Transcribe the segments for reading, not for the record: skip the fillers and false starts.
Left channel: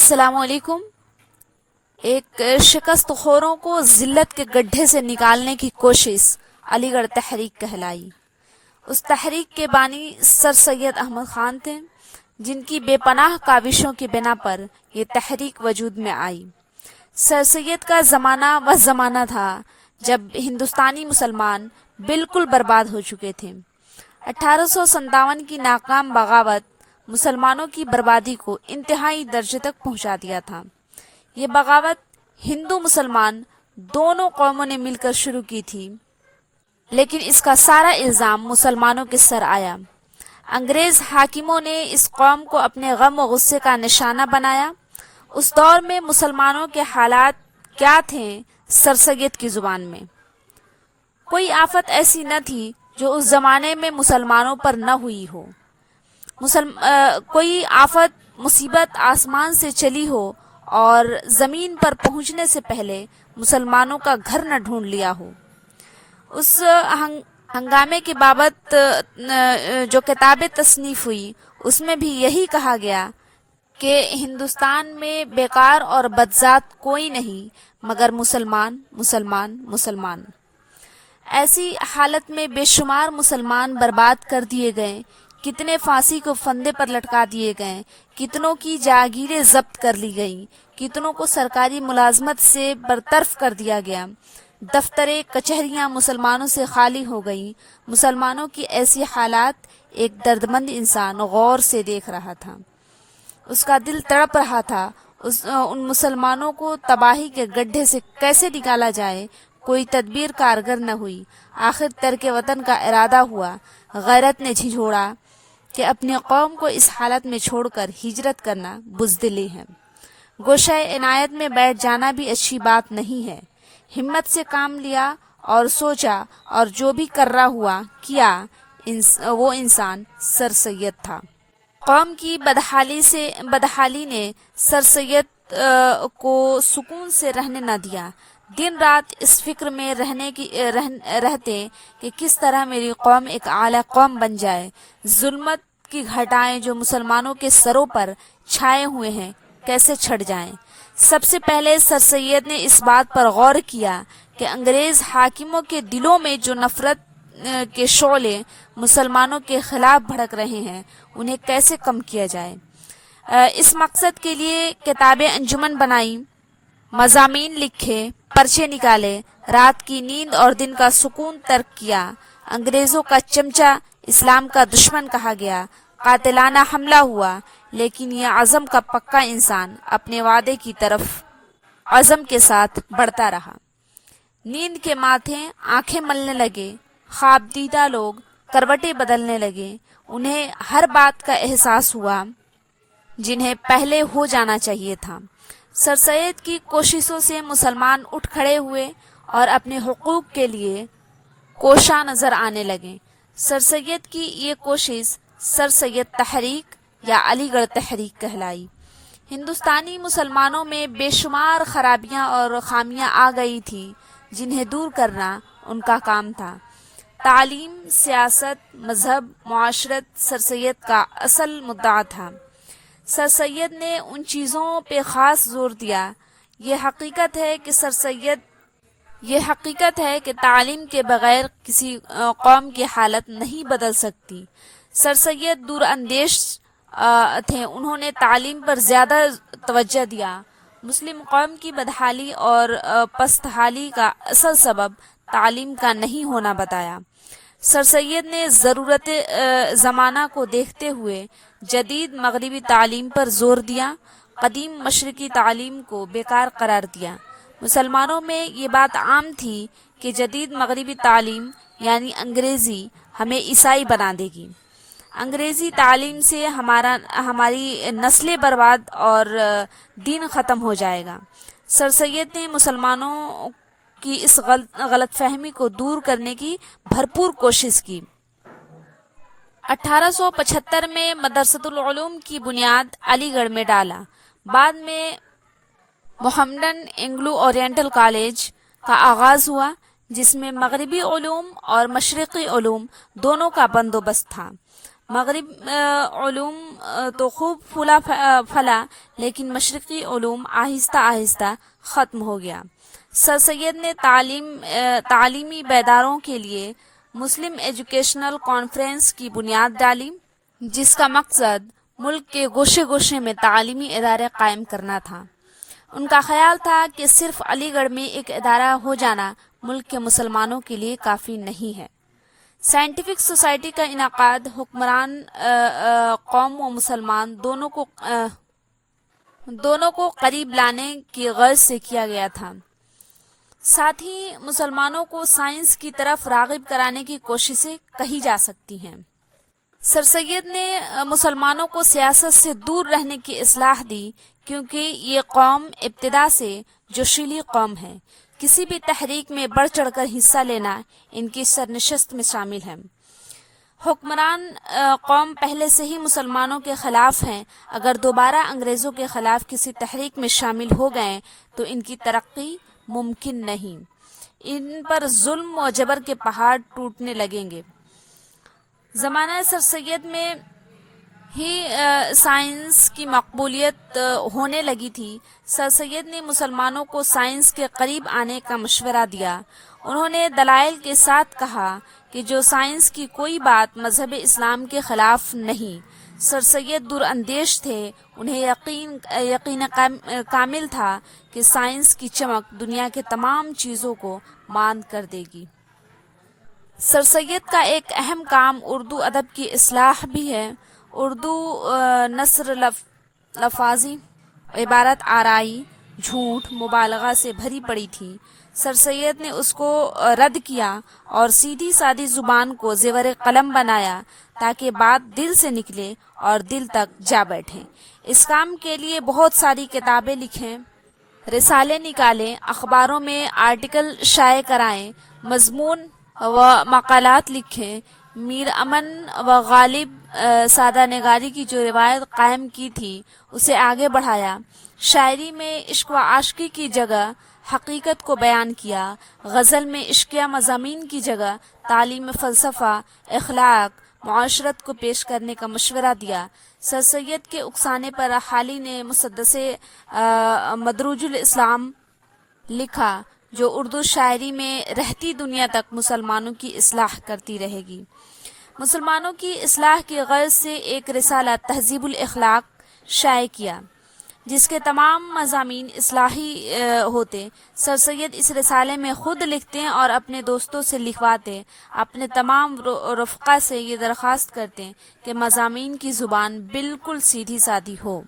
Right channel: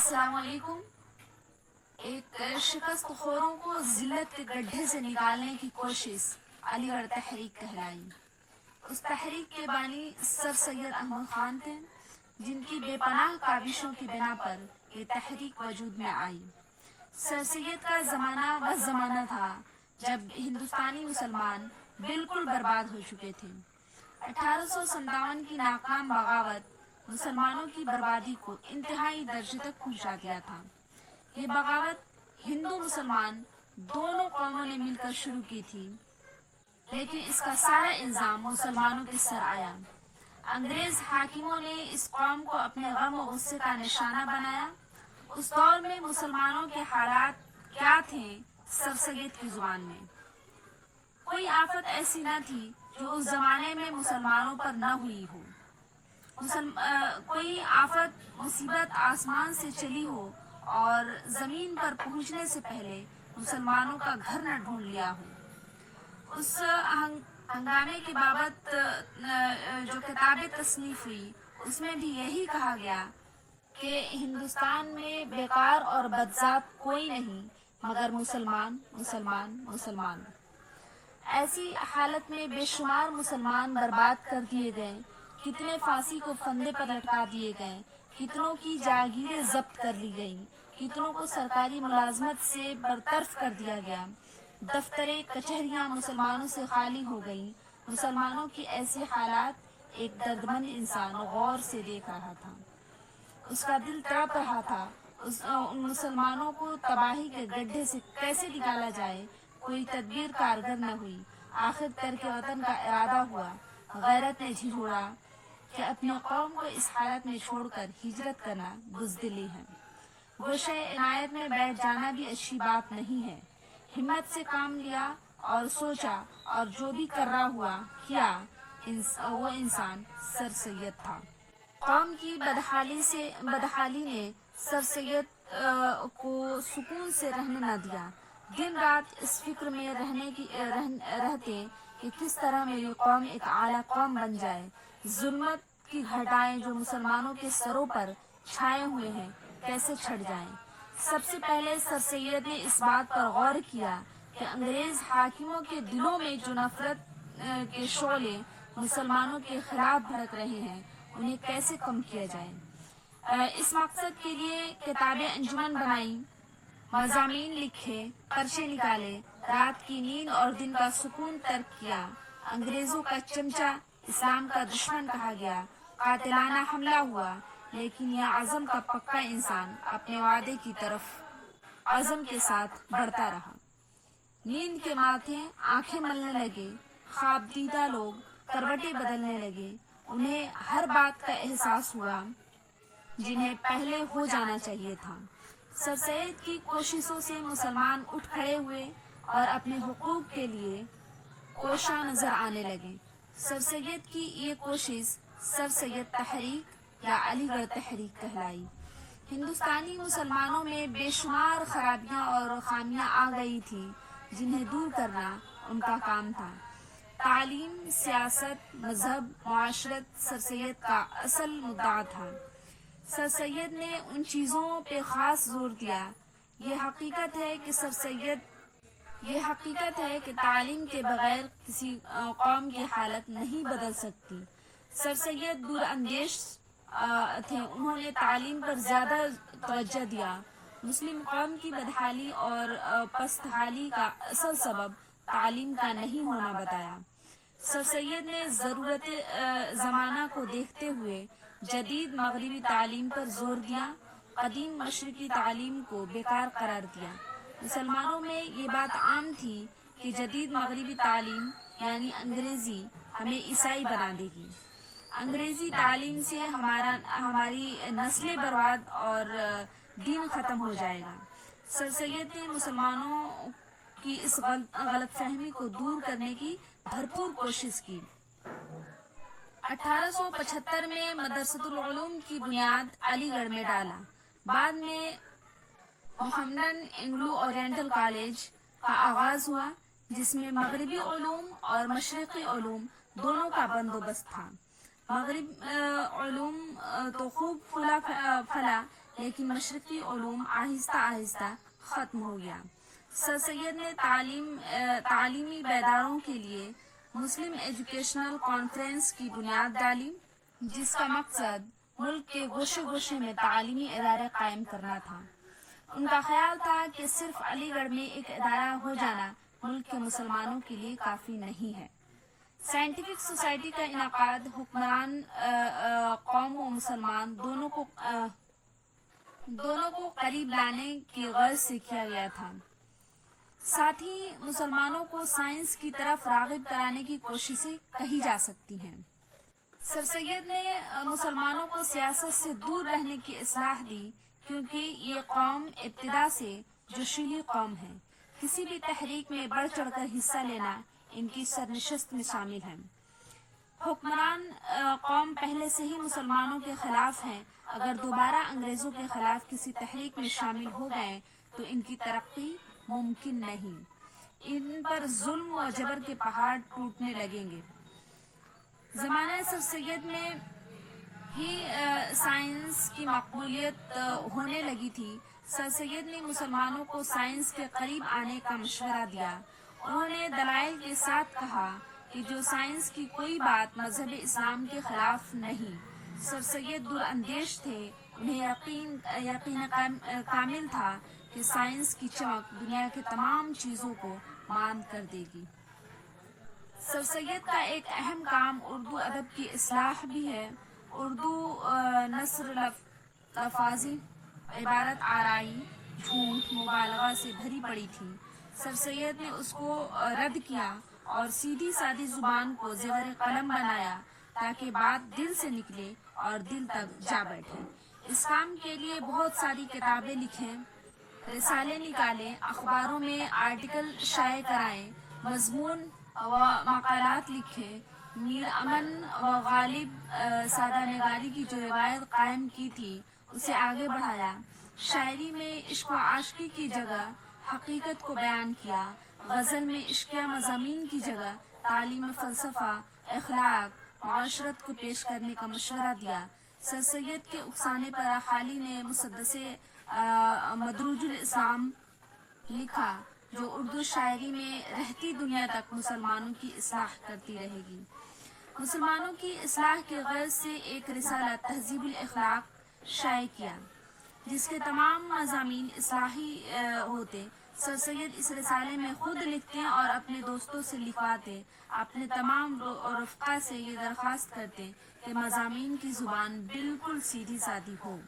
السلام علیکم۔ ایک شکست خوروں کو ذلت کے گڈھے سے نکالنے کی کوشش علی گڑھ تحریک کہلائی۔ اس تحریک کے بانی سر سید احمد خان تھے، جن کی بے پناہ کاوشوں کی بنا پر یہ تحریک وجود میں آئی۔ سر سید کا زمانہ وہ زمانہ تھا جب ہندوستانی مسلمان بالکل برباد ہو چکے تھے۔ 1857 کی ناکام بغاوت مسلمانوں کی بربادی کو انتہائی درجے تک پہنچا دیا تھا۔ یہ بغاوت ہندو مسلمان دونوں قوموں نے مل کر شروع کی تھی، لیکن اس کا سارا الزام مسلمانوں کے سر آیا۔ انگریز حاکموں نے اس قوم کو اپنے غم و غصے کا نشانہ بنایا۔ اس دور میں مسلمانوں کے حالات کیا تھے؟ سر سید کی زبان میں، کوئی آفت ایسی نہ تھی جو اس زمانے میں مسلمانوں پر نہ ہوئی ہو۔ کوئی آفت مصیبت آسمان سے چلی ہو اور زمین پر پہنچنے سے پہلے مسلمانوں کا گھر نہ ڈھونڈ لیا ہو۔ اس ہنگامے کی بابت جو کتابیں تصنیف ہوئی، اس میں بھی یہی کہا گیا کہ ہندوستان میں بیکار اور بدذات کوئی نہیں مگر مسلمان مسلمان مسلمان۔ ایسی حالت میں بے شمار مسلمان برباد کر دیے گئے، کتنے پھانسی کو پھندے پر لٹکا دیے گئے، کتنوں کی جاگیریں ضبط کر لی گئیں، کتنوں کو سرکاری ملازمت سے برطرف کر دیا گیا، دفتریں کچہریاں مسلمانوں سے خالی ہو گئیں۔ مسلمانوں کی ایسی حالات ایک دردمند انسان غور سے دیکھ رہا تھا، اس کا دل تڑپ رہا تھا۔ ان مسلمانوں کو تباہی کے گڈھے سے کیسے نکالا جائے، کوئی تدبیر کارگر نہ ہوئی۔ آخر ترک وطن کا ارادہ ہوا۔ غیرت نے جھنجھوڑا کہ اپنی قوم کو اس حالت میں چھوڑ کر ہجرت کرنا بزدلی ہے۔ گوشۂ عنایت میں بیٹھ جانا بھی اچھی بات نہیں ہے۔ ہمت سے کام لیا اور سوچا، اور جو بھی کرنا ہوا کیا۔ وہ انسان سر سید تھا۔ قوم کی بدحالی نے سر سید کو سکون سے رہنے نہ دیا۔ دن رات اس فکر میں رہتے کہ کس طرح میری قوم ایک اعلیٰ قوم بن جائے، ظلمت کی گھٹائیں جو مسلمانوں کے سروں پر چھائے ہوئے ہیں کیسے چھٹ جائیں۔ سب سے پہلے سر سید نے اس بات پر غور کیا کہ انگریز حاکموں کے دلوں میں جو نفرت کے شعلے مسلمانوں کے خلاف بھڑک رہے ہیں، انہیں کیسے کم کیا جائے۔ اس مقصد کے لیے کتابیں انجمن بنائی، مضامین لکھے، پرچے نکالے، رات کی نیند اور دن کا سکون ترک کیا۔ انگریزوں کا چمچہ اسلام کا دشمن کہا گیا، قاتلانہ حملہ ہوا، لیکن یہ عزم کا پکا انسان اپنے وعدے کی طرف عزم کے ساتھ بڑھتا رہا۔ نیند کے ماتھے آنکھیں ملنے لگے، خواب دیدہ لوگ کروٹیں بدلنے لگے، انہیں ہر بات کا احساس ہوا جنہیں پہلے ہو جانا چاہیے تھا۔ سر سید کی کوششوں سے مسلمان اٹھ کھڑے ہوئے اور اپنے حقوق کے لیے کوشاں نظر آنے لگے۔ سر سید کی یہ کوشش سر سید تحریک یا علی گڑھ تحریک کہلائی۔ ہندوستانی مسلمانوں میں بے شمار خرابیاں اور خامیاں آ گئی تھیں، جنہیں دور کرنا ان کا کام تھا۔ تعلیم، سیاست، مذہب، معاشرت سر سید کا اصل مدعا تھا۔ سر سید نے ان چیزوں پہ خاص زور دیا۔ یہ حقیقت ہے کہ تعلیم کے بغیر کسی قوم کی حالت نہیں بدل سکتی۔ سر سید دور اندیش تھے، انہوں نے تعلیم پر زیادہ توجہ دیا۔ مسلم قوم کی بدحالی اور پست حالی کا اصل سبب تعلیم کا نہیں ہونا بتایا۔ سر سید نے ضرورت زمانہ کو دیکھتے ہوئے جدید مغربی تعلیم پر زور دیا، قدیم مشرقی تعلیم کو بیکار قرار دیا۔ مسلمانوں میں یہ بات عام تھی کہ جدید مغربی تعلیم یعنی انگریزی ہمیں عیسائی بنا دے گی، انگریزی تعلیم سے ہماری نسلیں برباد اور دین ختم ہو جائے گا۔ سر سید نے مسلمانوں کی اس غلط فہمی کو دور کرنے کی بھرپور کوشش کی۔ 1875 میں مدرسۃ العلوم کی بنیاد علی گڑھ میں ڈالا۔ بعد میں محمڈن اینگلو اورینٹل کالج کا آغاز ہوا، جس میں مغربی علوم اور مشرقی علوم دونوں کا بندوبست تھا۔ مغرب علوم تو خوب پھلا، لیکن مشرقی علوم آہستہ آہستہ ختم ہو گیا۔ سر سید نے تعلیمی بیداروں کے لیے مسلم ایجوکیشنل کانفرنس کی بنیاد ڈالی، جس کا مقصد ملک کے گوشے گوشے میں تعلیمی ادارے قائم کرنا تھا۔ ان کا خیال تھا کہ صرف علی گڑھ میں ایک ادارہ ہو جانا ملک کے مسلمانوں کے لیے کافی نہیں ہے۔ سائنٹیفک سوسائٹی کا انعقاد حکمران قوم و مسلمان دونوں کو قریب لانے کی غرض سے کیا گیا تھا۔ ساتھ ہی مسلمانوں کو سائنس کی طرف راغب کرانے کی کوششیں کہی جا سکتی ہیں۔ سر سید نے مسلمانوں کو سیاست سے دور رہنے کی اصلاح دی، کیونکہ یہ قوم ابتدا سے جوشیلی قوم ہے۔ کسی بھی تحریک میں بڑھ چڑھ کر حصہ لینا ان کی سرنشست میں شامل ہے۔ حکمران قوم پہلے سے ہی مسلمانوں کے خلاف ہیں، اگر دوبارہ انگریزوں کے خلاف کسی تحریک میں شامل ہو گئے تو ان کی ترقی ممکن نہیں، ان پر ظلم و جبر کے پہاڑ ٹوٹنے لگیں گے۔ زمانہ سر سید میں ہی سائنس کی مقبولیت ہونے لگی تھی۔ سر سید نے مسلمانوں کو سائنس کے قریب آنے کا مشورہ دیا۔ انہوں نے دلائل کے ساتھ کہا کہ جو سائنس کی کوئی بات مذہب اسلام کے خلاف نہیں۔ سر سید دور اندیش تھے، انہیں یقین کامل تھا کہ سائنس کی چمک دنیا کے تمام چیزوں کو ماند کر دے گی۔ سر سید کا ایک اہم کام اردو ادب کی اصلاح بھی ہے۔ اردو نثر لفاظی، عبارت آرائی، جھوٹ، مبالغہ سے بھری پڑی تھی۔ سر سید نے اس کو رد کیا اور سیدھی سادی زبان کو زیور قلم بنایا تاکہ بات دل سے نکلے اور دل تک جا بیٹھے۔ اس کام کے لیے بہت ساری کتابیں لکھیں، رسالے نکالیں، اخباروں میں آرٹیکل شائع کرائیں، مضمون و مقالات لکھیں۔ میر امن و غالب سادہ نگاری کی جو روایت قائم کی تھی اسے آگے بڑھایا۔ شاعری میں عشق و عاشقی کی جگہ حقیقت کو بیان کیا۔ غزل میں عشقیہ مضامین کی جگہ تعلیم، فلسفہ، اخلاق، معاشرت کو پیش کرنے کا مشورہ دیا۔ سر سید کے اکسانے پر حالی نے مسدس مدروج الاسلام لکھا، جو اردو شاعری میں رہتی دنیا تک مسلمانوں کی اصلاح کرتی رہے گی۔ مسلمانوں کی اصلاح کی غرض سے ایک رسالہ تہذیب الاخلاق شائع کیا، جس کے تمام مضامین اصلاحی ہوتے۔ سر سید اس رسالے میں خود لکھتے اور اپنے دوستوں سے لکھواتے، اپنے تمام رفقا سے یہ درخواست کرتے کہ مضامین کی زبان بالکل سیدھی سادی ہو۔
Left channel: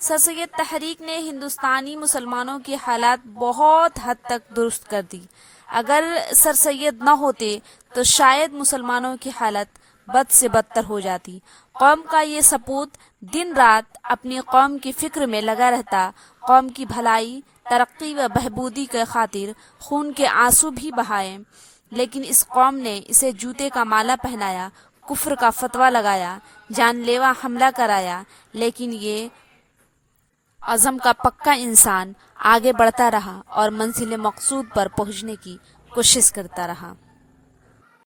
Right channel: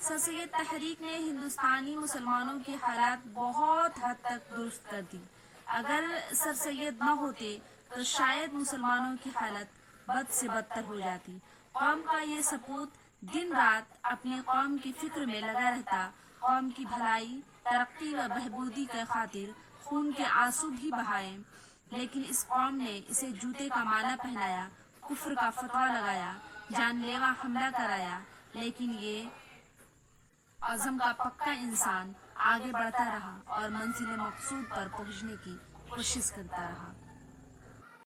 سر سید تحریک نے ہندوستانی مسلمانوں کی حالات بہت حد تک درست کر دی۔ اگر سر سید نہ ہوتے تو شاید مسلمانوں کی حالت بد سے بدتر ہو جاتی۔ قوم کا یہ سپوت دن رات اپنی قوم کی فکر میں لگا رہتا، قوم کی بھلائی، ترقی و بہبودی کے خاطر خون کے آنسو بھی بہائے، لیکن اس قوم نے اسے جوتے کا مالا پہنایا، کفر کا فتویٰ لگایا، جان لیوا حملہ کرایا، لیکن یہ عزم کا پکا انسان آگے بڑھتا رہا اور منزل مقصود پر پہنچنے کی کوشش کرتا رہا۔